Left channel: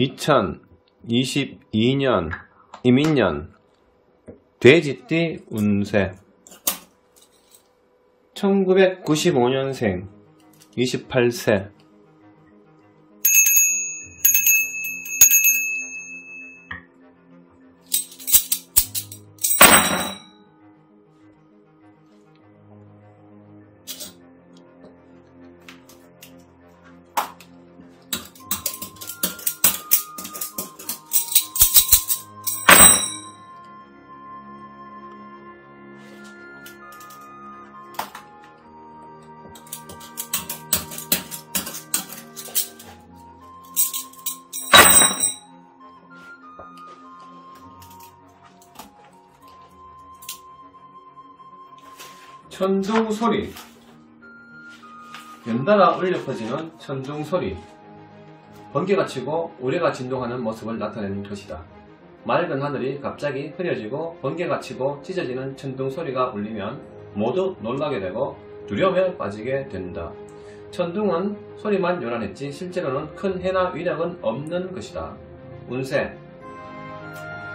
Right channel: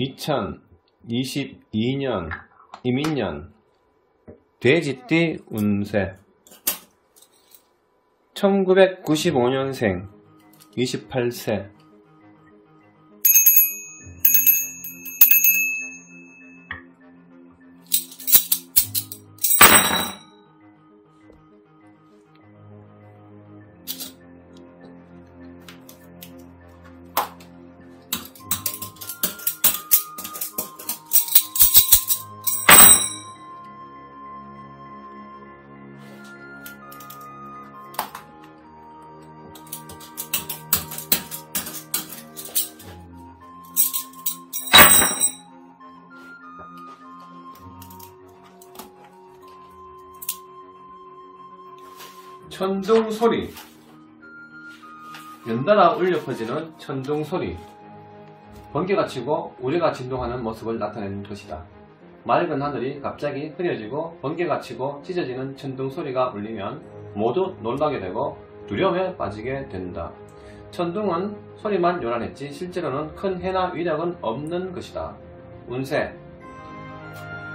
2022년 이민년 돼지띠 운세 1995년생 28세 천둥소리, 연달아 울려 퍼지는 천둥소리, 번개가 치고 우레가 진동하는 모습을 나타내는 것이다. 맑은 하늘이 갑자기 흐려지고 번개가 치고 찢어지는 천둥소리가 울리면 모두 놀라게 되고 두려움에 빠지게 된다. 천둥은 소리만 요란했지 실제로는 큰 해나 위력은 없는 것이다. 운세,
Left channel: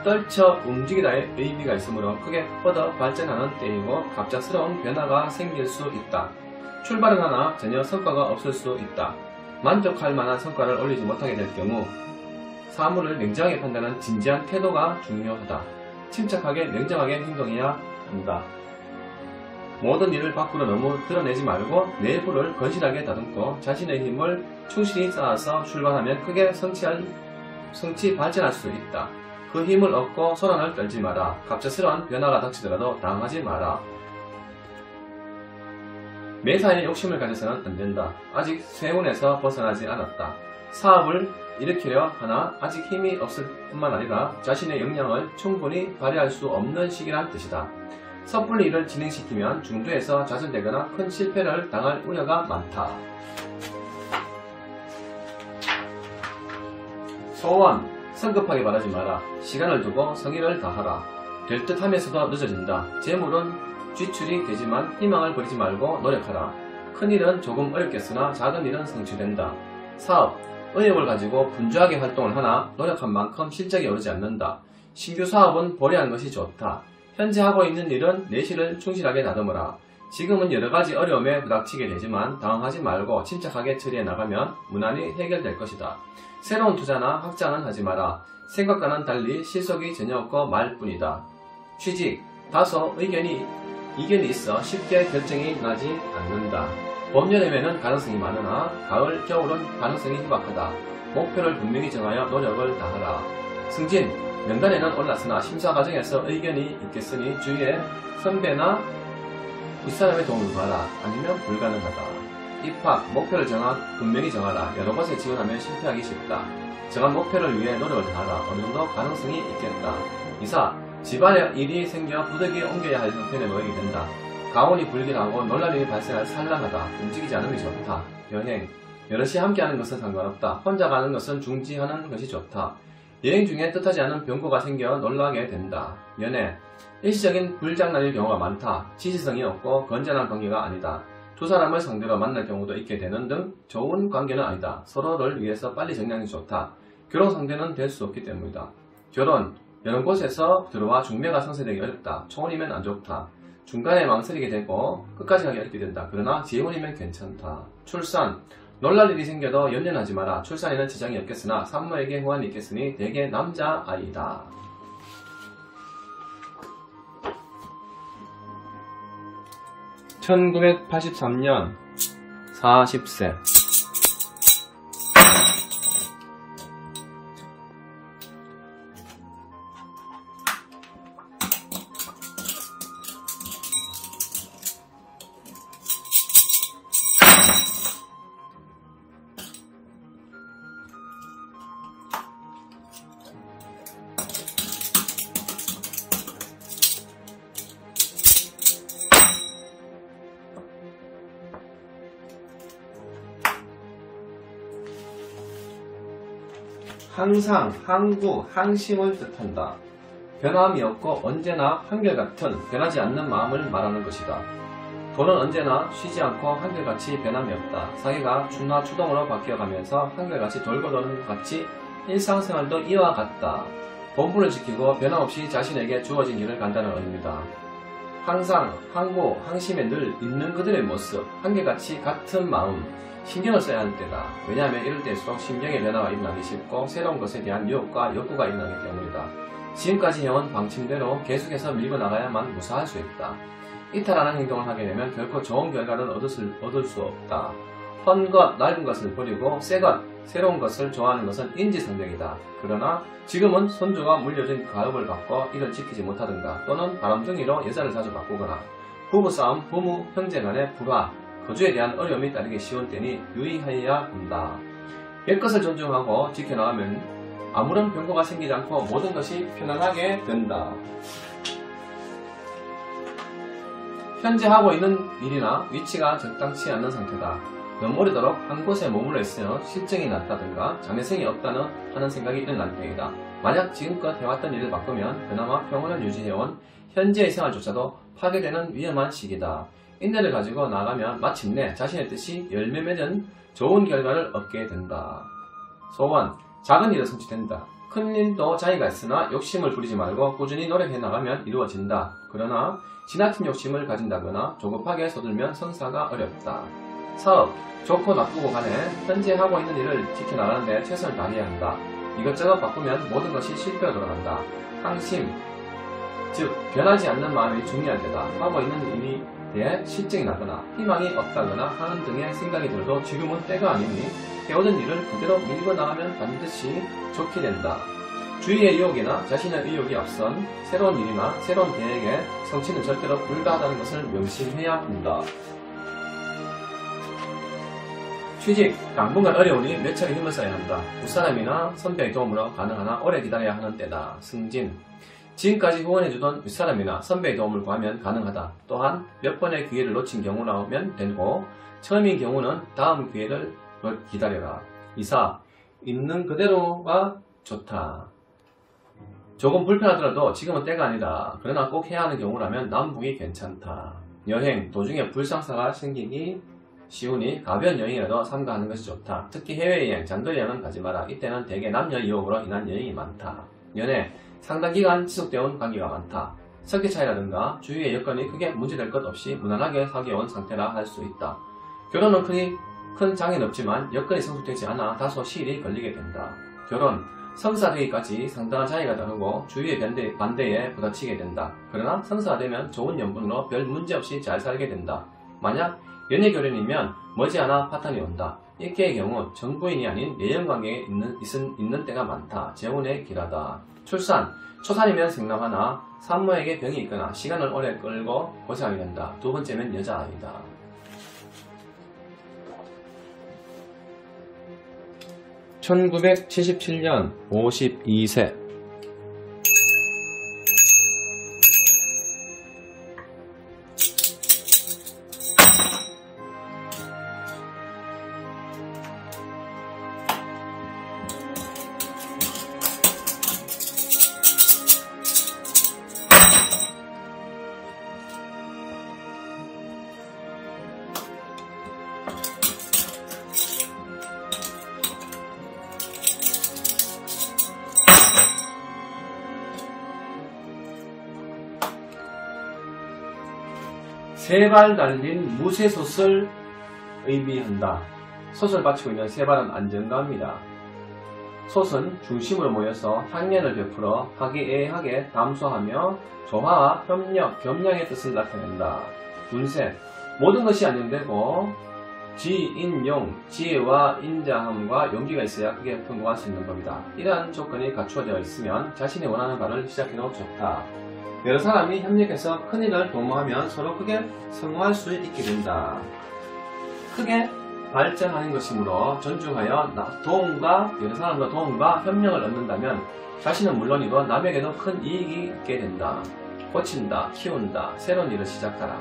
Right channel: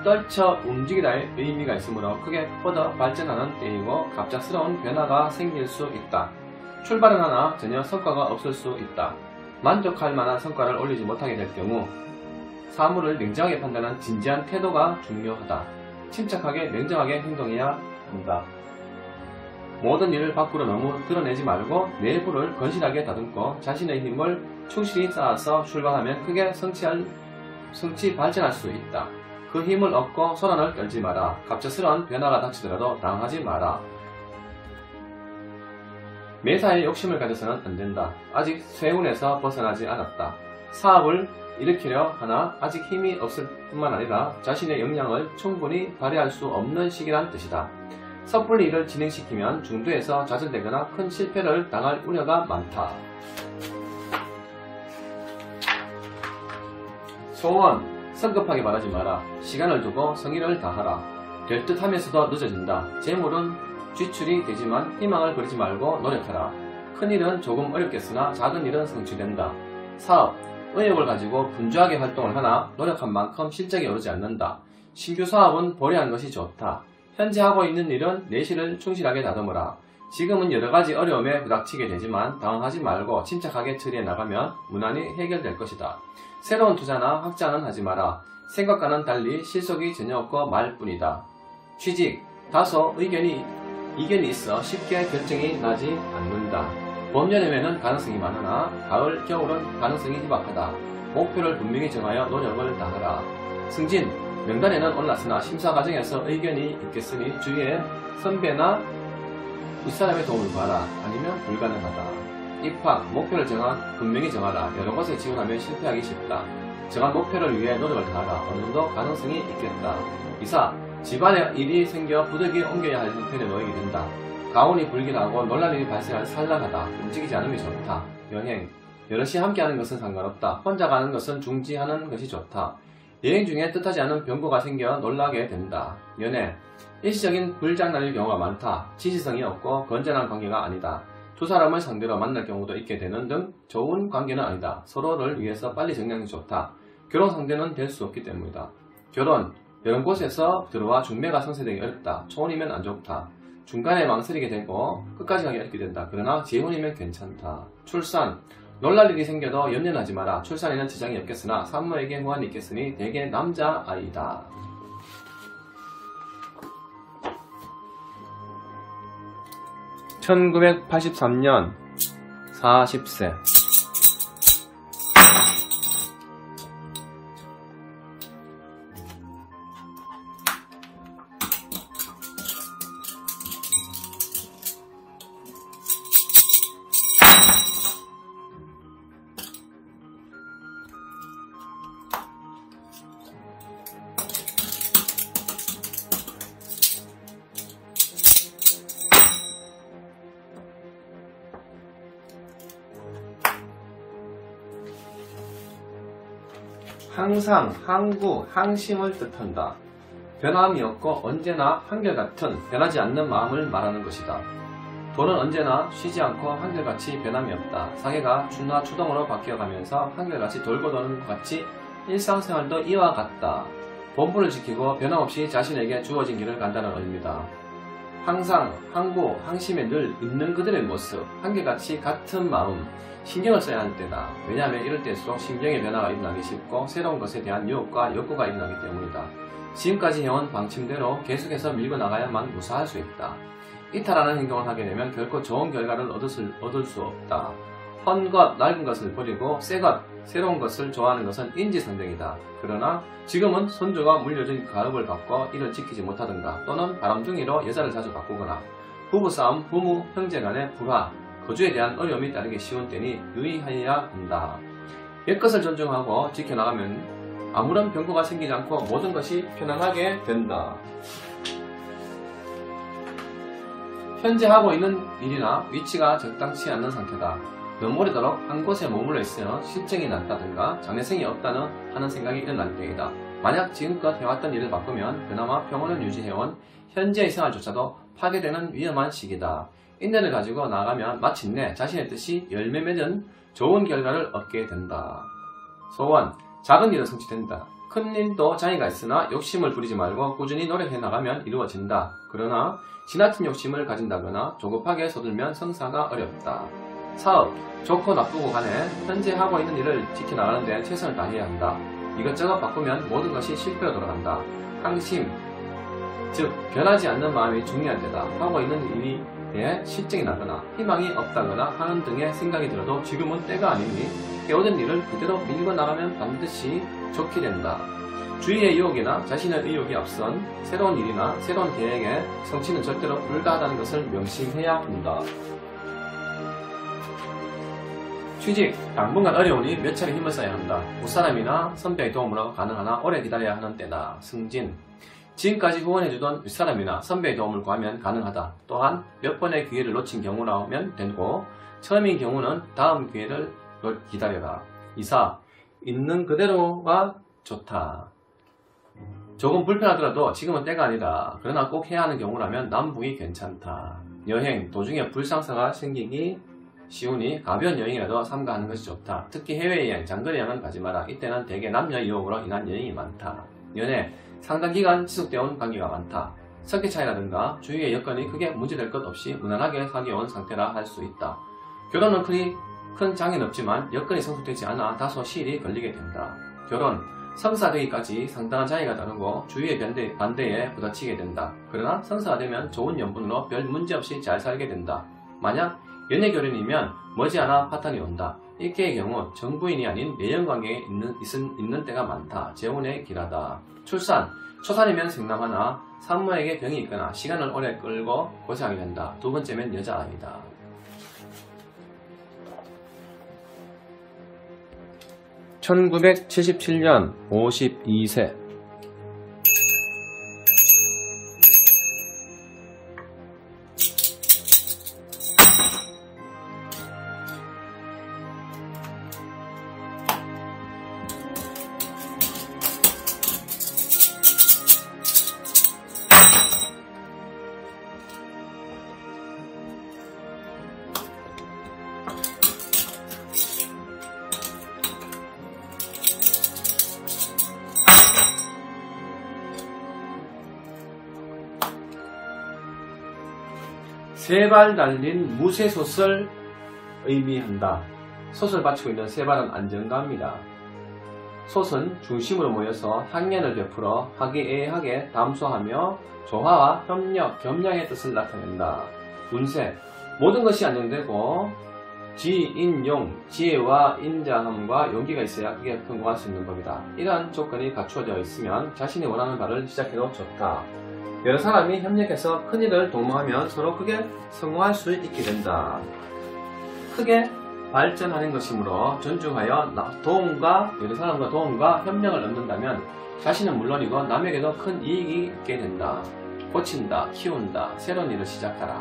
떨쳐 움직이다의 의미가 있으므로 크게 뻗어 발전하는 때이고 갑작스러운 변화가 생길 수 있다. 출발은 하나 전혀 성과가 없을 수 있다. 만족할 만한 성과를 올리지 못하게 될 경우 사물을 냉정하게 판단하는 진지한 태도가 중요하다. 침착하게 냉정하게 행동해야 한다. 모든 일을 밖으로 너무 드러내지 말고 내부를 건실하게 다듬고 자신의 힘을 충실히 쌓아서 출발하면 크게 성취 발전할 수 있다. 그 힘을 얻고 소란을 떨지 마라. 갑작스러운 변화가 닥치더라도 당하지 마라. 매사에 욕심을 가져서는 안된다. 아직 쇠운에서 벗어나지 않았다. 사업을 일으키려 하나 아직 힘이 없을 뿐만 아니라 자신의 역량을 충분히 발휘할 수 없는 시기란 뜻이다. 섣불리 일을 진행시키면 중도에서 좌절되거나 큰 실패를 당할 우려가 많다. 소원, 성급하게 말하지 마라. 시간을 두고 성의를 다하라. 될 듯 하면서도 늦어진다. 재물은 지출이 되지만 희망을 버리지 말고 노력하라. 큰 일은 조금 어렵겠으나 작은 일은 성취된다. 사업, 의욕을 가지고 분주하게 활동을 하나 노력한 만큼 실적이 오르지 않는다. 신규 사업은 보류하는 것이 좋다. 현재 하고 있는 일은 내실을 충실하게 다듬어라. 지금은 여러가지 어려움에 부닥치게 되지만 당황하지 말고 침착하게 처리해 나가면 무난히 해결될 것이다. 새로운 투자나 확장은 하지 마라. 생각과는 달리 실속이 전혀 없고 말뿐이다. 취직, 다소 이견이 있어 쉽게 결정이 나지 않는다. 봄, 여름에는 가능성이 많으나 가을, 겨울은 가능성이 희박하다. 목표를 분명히 정하여 노력을 다하라. 승진, 명단에는 올랐으나 심사 과정에서 의견이 있겠으니 주위에 선배나 윗사람의 도움을 받아. 아니면 불가능하다. 입학, 목표를 분명히 정하라. 여러 곳에 지원하면 실패하기 쉽다. 정한 목표를 위해 노력을 다하라. 어느 정도 가능성이 있겠다. 이사, 집안에 일이 생겨 부득이 옮겨야 할 형편에 놓이게 된다. 가온이 불길하고 놀랄 일이 발생할 산란하다. 움직이지 않음이 좋다. 여행, 여럿이 함께하는 것은 상관없다. 혼자 가는 것은 중지하는 것이 좋다. 여행 중에 뜻하지 않은 변고가 생겨 놀라게 된다. 연애, 일시적인 불장난일 경우가 많다. 지시성이 없고 건전한 관계가 아니다. 두 사람을 상대로 만날 경우도 있게 되는 등 좋은 관계는 아니다. 서로를 위해서 빨리 정리하는 게 좋다. 결혼 상대는 될 수 없기 때문이다. 결혼, 여러 곳에서 들어와 중매가 성사되기 어렵다. 초혼이면 안 좋다. 중간에 망설이게 되고 끝까지 가기 어렵게 된다. 그러나 재혼이면 괜찮다. 출산, 놀랄 일이 생겨도 염려하지 마라. 출산에는 지장이 없겠으나 산모에게 후환이 있겠으니 대개 남자아이다. (1983년) 40세 항상, 항구, 항심을 뜻한다. 변함이 없고 언제나 한결같은 변하지 않는 마음을 말하는 것이다. 돈은 언제나 쉬지 않고 한결같이 변함이 없다. 사계가 추나 추동으로 바뀌어가면서 한결같이 돌고 도는 것 같이 일상생활도 이와 같다. 본분을 지키고 변함없이 자신에게 주어진 길을 간다는 의미다. 항상 항고, 항심에 늘 있는 그들의 모습, 한결같이 같은 마음, 신경을 써야 할 때다. 왜냐하면 이럴 때일수록 심경의 변화가 일어나기 쉽고 새로운 것에 대한 유혹과 욕구가 일어나기 때문이다. 지금까지 해온 방침대로 계속해서 밀고 나가야만 무사할 수 있다. 이탈하는 행동을 하게 되면 결코 좋은 결과를 얻을 수 없다. 헌 것, 낡은 것을 버리고 새 것, 새로운 것을 좋아하는 것은 인지상정이다. 그러나 지금은 손주가 물려준 가업을 받고 이를 지키지 못하든가 또는 바람둥이로 여자를 자주 바꾸거나 부부싸움, 부모, 형제 간의 불화, 거주에 대한 어려움이 따르기 쉬운 때니 유의하여야 한다. 옛것을 존중하고 지켜나가면 아무런 변고가 생기지 않고 모든 것이 편안하게 된다. 현재 하고 있는 일이나 위치가 적당치 않는 상태다. 너무 오래도록 한 곳에 머물러 있으면 실증이 난다든가 장래성이 없다는 하는 생각이 일어날 때이다. 만약 지금껏 해왔던 일을 바꾸면 그나마 평온을 유지해온 현재의 생활조차도 파괴되는 위험한 시기다. 인내를 가지고 나가면 마침내 자신의 뜻이 열매 맺은 좋은 결과를 얻게 된다. 소원, 작은 일은 성취된다. 큰 일도 자의가 있으나 욕심을 부리지 말고 꾸준히 노력해 나가면 이루어진다. 그러나 지나친 욕심을 가진다거나 조급하게 서둘면 성사가 어렵다. 사업, 좋고 나쁘고 간에 현재 하고 있는 일을 지켜나가는데 최선을 다해야 한다. 이것저것 바꾸면 모든 것이 실패로 돌아간다. 항심, 즉 변하지 않는 마음이 중요할 때다. 하고 있는 일이 대해 실증이 나거나 희망이 없다거나 하는 등의 생각이 들어도 지금은 때가 아니니 해오던 일을 그대로 밀고 나가면 반드시 좋게 된다. 주위의 유혹이나 자신의 의욕이 앞선 새로운 일이나 새로운 계획의 성취는 절대로 불가하다는 것을 명심해야 한다. 취직, 당분간 어려우니 몇 차례 힘을 써야 한다. 윗사람이나 선배의 도움으로 가능하나 오래 기다려야 하는 때다. 승진, 지금까지 후원해주던 윗사람이나 선배의 도움을 구하면 가능하다. 또한 몇 번의 기회를 놓친 경우라면 되고 처음인 경우는 다음 기회를 기다려라. 이사, 있는 그대로가 좋다. 조금 불편하더라도 지금은 때가 아니다. 그러나 꼭 해야 하는 경우라면 남북이 괜찮다. 여행, 도중에 불상사가 생기기 쉬우니 가벼운 여행이라도 삼가하는 것이 좋다. 특히 해외여행, 장거리여행은 가지 마라. 이때는 대개 남녀 유혹으로 인한 여행이 많다. 연애, 상당 기간 지속되어온 관계가 많다. 성격 차이라든가 주위의 여건이 크게 문제될 것 없이 무난하게 사귀어온 상태라 할 수 있다. 결혼은 큰 장애는 없지만 여건이 성숙되지 않아 다소 시일이 걸리게 된다. 결혼, 성사되기까지 상당한 차이가 다르고 주위의 반대에 부딪히게 된다. 그러나 성사가 되면 좋은 연분으로 별 문제없이 잘 살게 된다. 만약 연애결혼이면 머지않아 파탄이 온다. 일개의 경우 정부인이 아닌 내연관계에 있는 때가 많다. 재혼에 길하다. 출산, 초산이면 생남하나 산모에게 병이 있거나 시간을 오래 끌고 고생하게 된다. 두 번째면 여자아이다. (1977년) 52세 세 발 달린 무쇠솥을 의미한다. 솥을 받치고 있는 세 발은 안정감이다. 솥은 중심으로 모여서 향연을 베풀어 화기애애하게 담소하며 조화와 협력, 겸양의 뜻을 나타낸다. 운세, 모든 것이 안정되고 지인용, 지혜와 인자함과 용기가 있어야 크게 성공할 수 있는 법이다. 이러한 조건이 갖추어져 있으면 자신이 원하는 바를 시작해도 좋다. 여러 사람이 협력해서 큰일을 도모하면 서로 크게 성공할 수 있게 된다. 크게 발전하는 것이므로 존중하여 여러 사람과 도움과 협력을 얻는다면 자신은 물론이고 남에게도 큰 이익이 있게 된다. 고친다, 키운다, 새로운 일을 시작하라.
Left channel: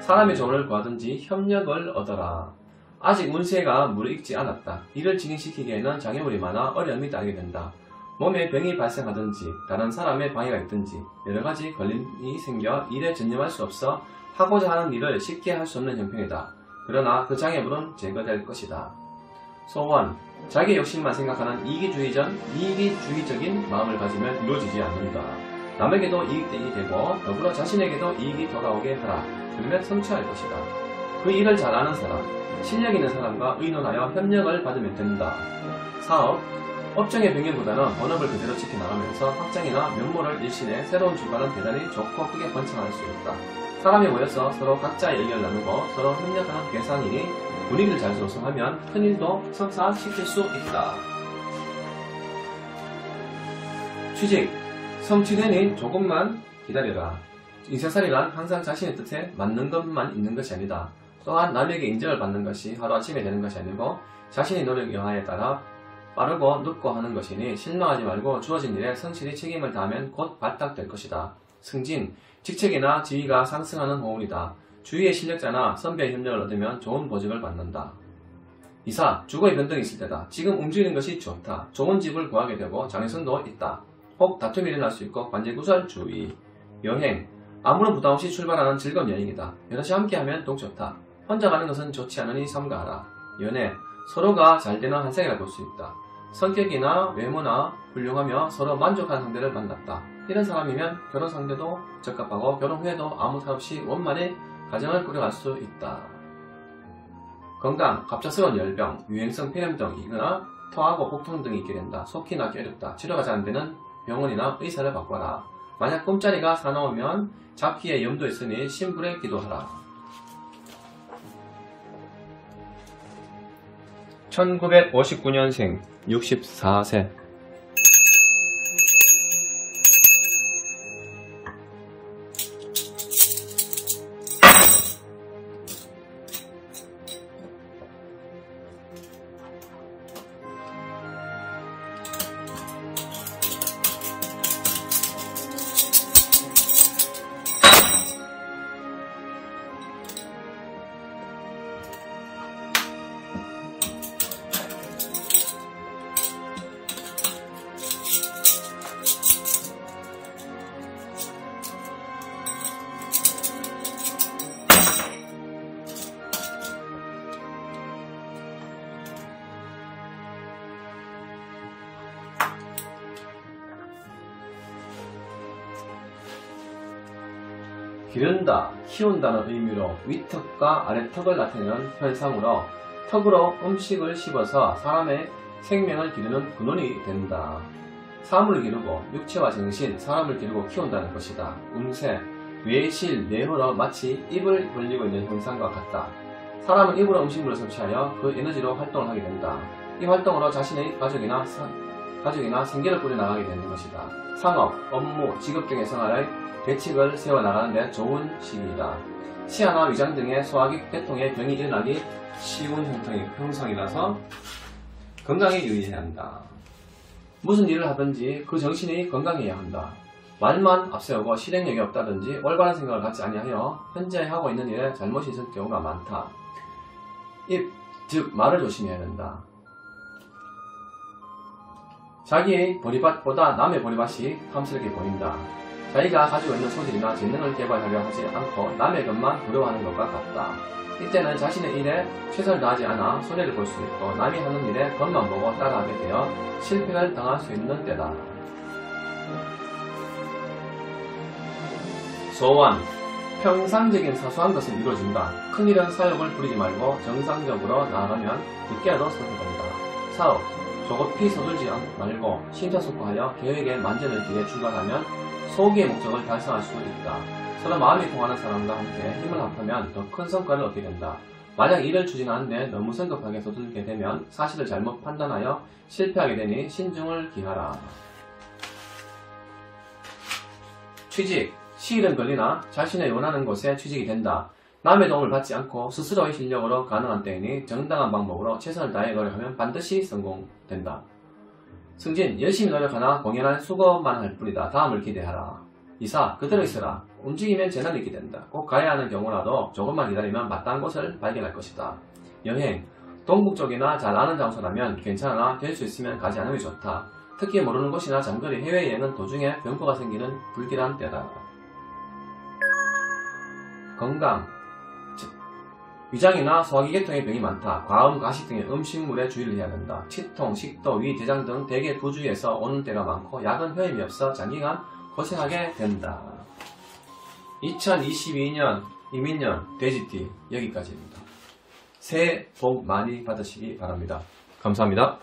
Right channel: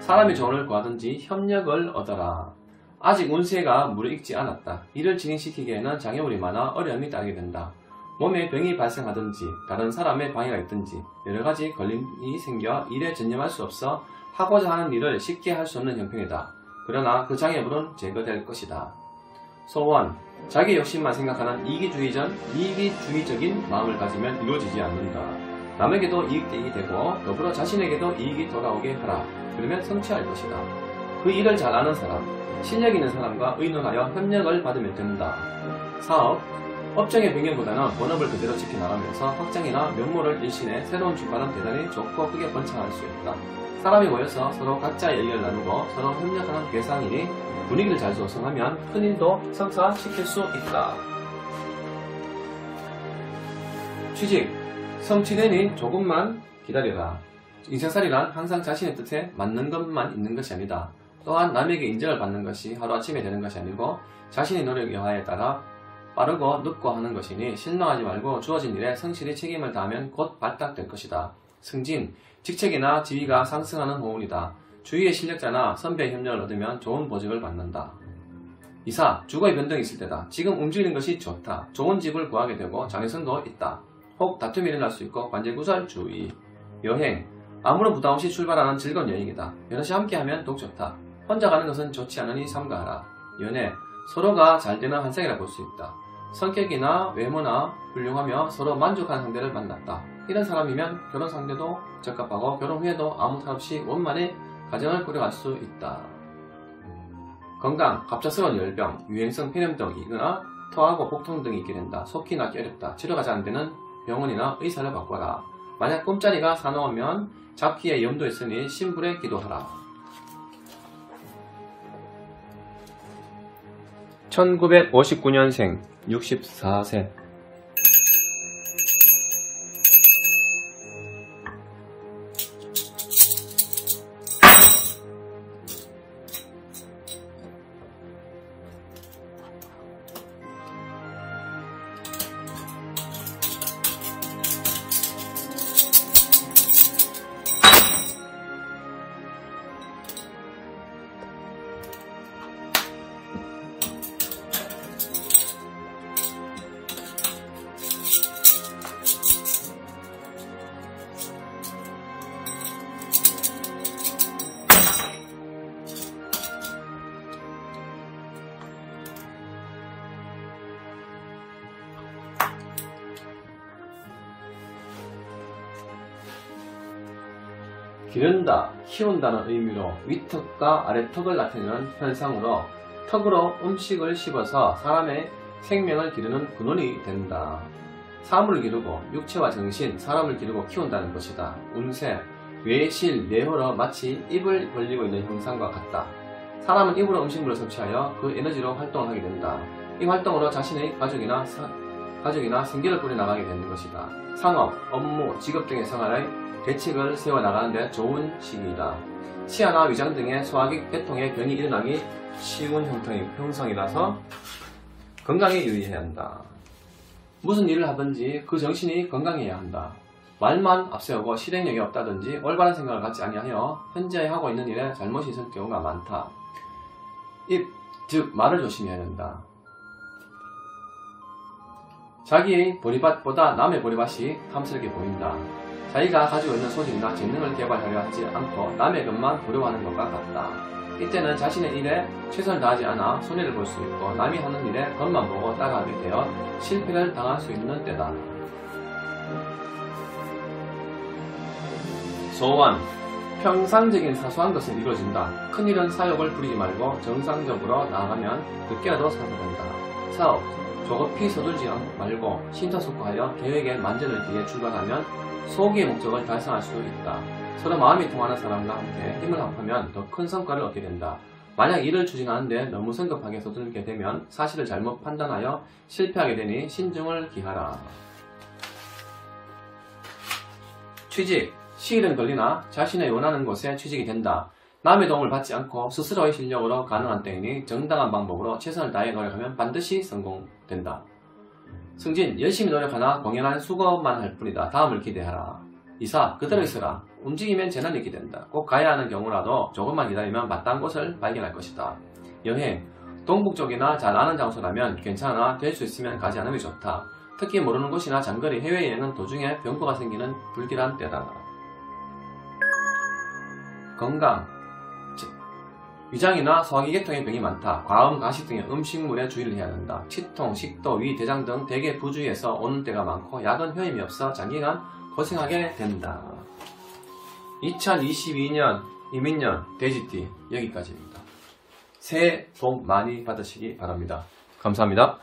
사람의 조언을 구하든지 협력을 얻어라. 아직 운세가 무르익지 않았다. 일을 진행시키기에는 장애물이 많아 어려움이 따르게 된다. 몸에 병이 발생하든지 다른 사람의 방해가 있든지 여러가지 걸림이 생겨 일에 전념할 수 없어 하고자 하는 일을 쉽게 할 수 없는 형편이다. 그러나 그 장애물은 제거될 것이다. 소원, 자기 욕심만 생각하는 이기주의적인 마음을 가지면 이루어지지 않는다. 남에게도 이익이 되고 더불어 자신에게도 이익이 돌아오게 하라. 그러면 성취할 것이다. 그 일을 잘 아는 사람, 실력 있는 사람과 의논하여 협력을 받으면 된다. 사업, 업종의 변경보다는 본업을 그대로 지켜나가면서 확장이나 면모를 일신해 새로운 출발은 대단히 좋고 크게 번창할 수 있다. 사람이 모여서 서로 각자의 의견을 나누고 서로 협력하는 대상이니 분위기를 잘 조성하면 큰일도 성사시킬 수 있다. 취직, 성취되니 조금만 기다려라. 인생살이란 항상 자신의 뜻에 맞는 것만 있는 것이 아니다. 또한 남에게 인정을 받는 것이 하루아침에 되는 것이 아니고 자신의 노력 여하에 따라 빠르고 늦고 하는 것이니 실망하지 말고 주어진 일에 성실히 책임을 다하면 곧 발탁될 것이다. 승진, 직책이나 지위가 상승하는 호운이다. 주위의 실력자나 선배의 협력을 얻으면 좋은 보직을 받는다. 이사, 주거의 변동이 있을 때다. 지금 움직이는 것이 좋다. 좋은 집을 구하게 되고 장애선도 있다. 혹 다툼이 일어날 수 있고 관제구설 주의. 여행, 아무런 부담 없이 출발하는 즐거운 여행이다. 여럿이 함께하면 더욱 좋다. 혼자 가는 것은 좋지 않으니 삼가하라. 연애, 서로가 잘 되는 한상이라 볼 수 있다. 성격이나 외모나 훌륭하며 서로 만족하는 상대를 만났다. 이런 사람이면 결혼 상대도 적합하고 결혼 후에도 아무 탈 없이 원만히 가정을 꾸려갈 수 있다. 건강, 갑작스러운 열병, 유행성 폐렴등이거나 토하고 복통 등이 있게 된다. 속히 낫기 어렵다. 치료가 잘 안되는 병원이나 의사를 바꿔라. 만약 꿈자리가 사나우면 잡기에 염도 있으니 신불에 기도하라. 1959년생 64세. 기른다, 키운다는 의미로 윗턱과 아래턱을 나타내는 현상으로 턱으로 음식을 씹어서 사람의 생명을 기르는 근원이 된다. 사물을 기르고 육체와 정신, 사람을 기르고 키운다는 것이다. 운세, 외실, 내호로 마치 입을 벌리고 있는 형상과 같다. 사람은 입으로 음식물을 섭취하여 그 에너지로 활동을 하게 된다. 이 활동으로 자신의 가족이나 생계를 꾸려나가게 되는 것이다. 상업, 업무, 직업 등의 생활의 대책을 세워나가는데 좋은 시기이다. 치아나 위장 등의 소화기 계통에 변이 일어나기 쉬운 형성이라서 건강에 유의해야 한다. 무슨 일을 하든지 그 정신이 건강해야 한다. 말만 앞세우고 실행력이 없다든지 올바른 생각을 갖지 아니하여 현재 하고 있는 일에 잘못이 있을 경우가 많다. 입, 즉 말을 조심해야 한다. 자기의 보리밭보다 남의 보리밭이 탐스럽게 보인다. 자기가 가지고 있는 소질이나 재능을 개발하려 하지 않고 남의 것만 부러워하는 것과 같다. 이때는 자신의 일에 최선을 다하지 않아 손해를 볼 수 있고 남이 하는 일에 겉만 보고 따라하게 되어 실패를 당할 수 있는 때다. 소원, 평상적인 사소한 것은 이루어진다. 큰일은 사욕을 부리지 말고 정상적으로 나아가면 늦게라도 성공한다. 사업, 조급히 서두르지 말고 심사숙고하여 계획에 만전을 기해 출발하면 소기의 목적을 달성할 수 있다. 서로 마음이 통하는 사람과 함께 힘을 합하면 더 큰 성과를 얻게 된다. 만약 일을 추진하는데 너무 성급하게 서두르게 되면 사실을 잘못 판단하여 실패하게 되니 신중을 기하라. 취직, 시일은 걸리나 자신의 원하는 곳에 취직이 된다. 남의 도움을 받지 않고 스스로의 실력으로 가능한 때이니 정당한 방법으로 최선을 다해 노력하면 반드시 성공된다. 승진, 열심히 노력하나 공연한 수고만 할 뿐이다. 다음을 기대하라. 이사, 그대로 있어라. 움직이면 재난이 있게 된다. 꼭 가야 하는 경우라도 조금만 기다리면 마땅한 곳을 발견할 것이다. 여행, 동북 쪽이나 잘 아는 장소라면 괜찮으나 될 수 있으면 가지 않으면 좋다. 특히 모르는 곳이나 장거리 해외여행은 도중에 병거가 생기는 불길한 때다. 건강, 위장이나 소화기 계통의 병이 많다. 과음, 가시 등의 음식물에 주의를 해야 한다. 치통, 식도, 위, 대장 등 대개 부주의에서 오는 때가 많고 약은 효임이 없어 장기간 고생하게 된다. 2022년 이민년 돼지띠 여기까지입니다. 새해 복 많이 받으시기 바랍니다. 감사합니다.